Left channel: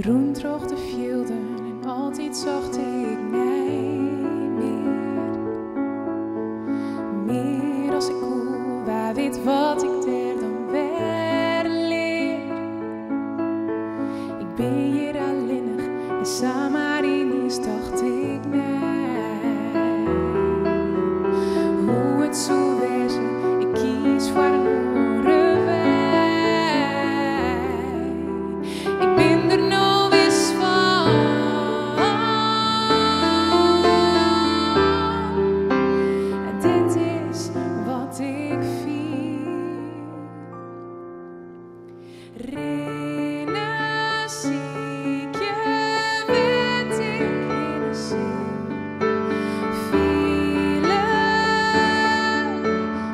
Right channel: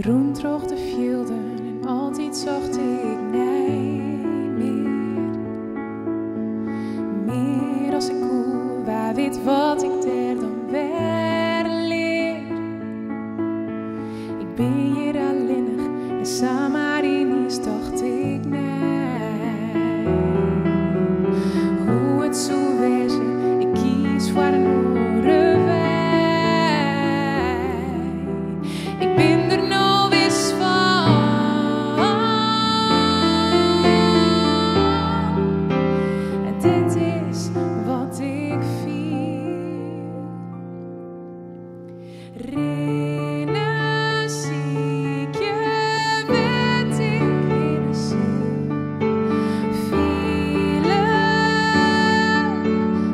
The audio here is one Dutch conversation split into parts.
Groen droog de velden en altijd zocht ik nee meer. Meer als ik koe, waar weet wat ik der dan weer leer. Ik ben hier alleenig en samarinisch dacht ik nee. Hoe het zo wezen, ik kies voor een andere weg. Ik ben er nou wist van. En dit is wat ik viel. Rennen zie ik je, weet ik in een ziel. Vielen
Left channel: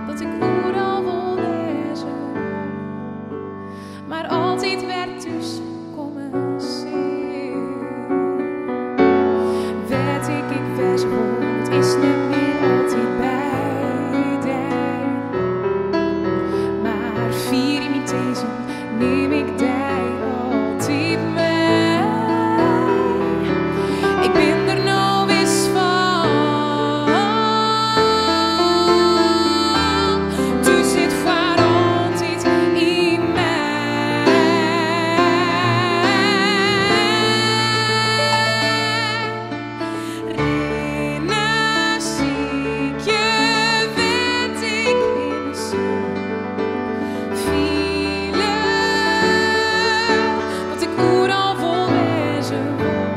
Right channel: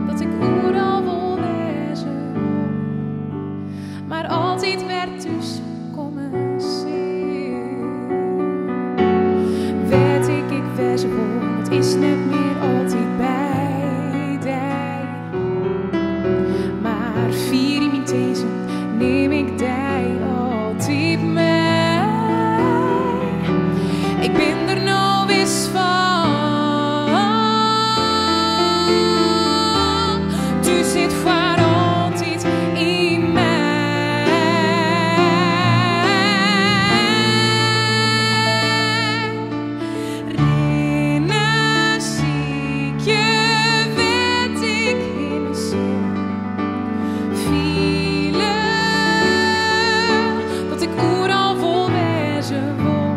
dat ik overal wil wezen wil. Maar altijd werd dus komen zien. Weet ik wezen wil, het is net meer altijd bij die. Maar vier in mijn tezen neem ik die altijd mee. Ik ben er nou eens van. Tu zit voor altijd in mij. Rennen zie ik je, weet ik in de zon. Vielen dat ik overal vol wezen wil.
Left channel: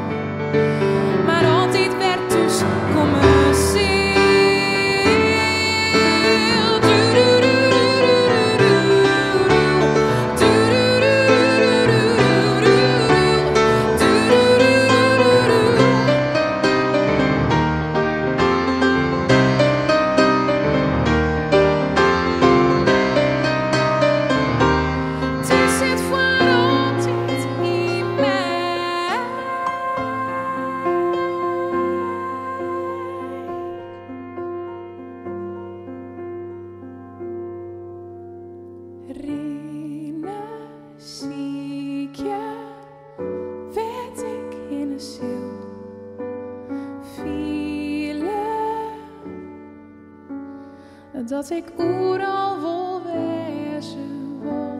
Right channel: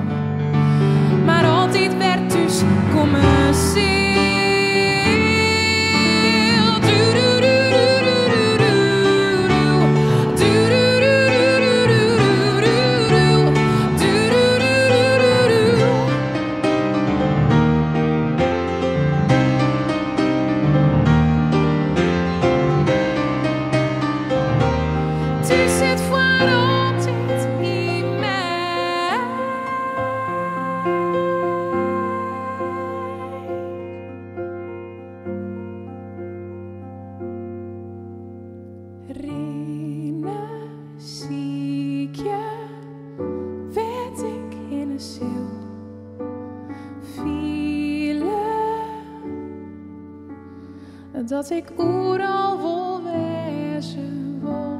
Maar altijd werd dus komen ziel. Tu zit voor altijd in mij. Rennen zie ik je, weet ik in een ziel. Vielen dat ik overal wil wezen wil.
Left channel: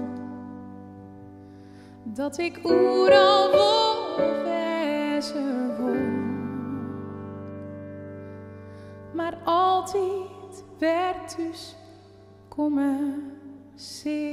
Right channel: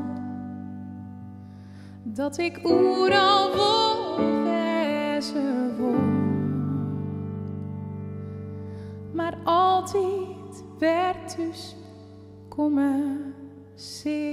Dat ik overal wil wezen wil. Maar altijd werd dus komen zien.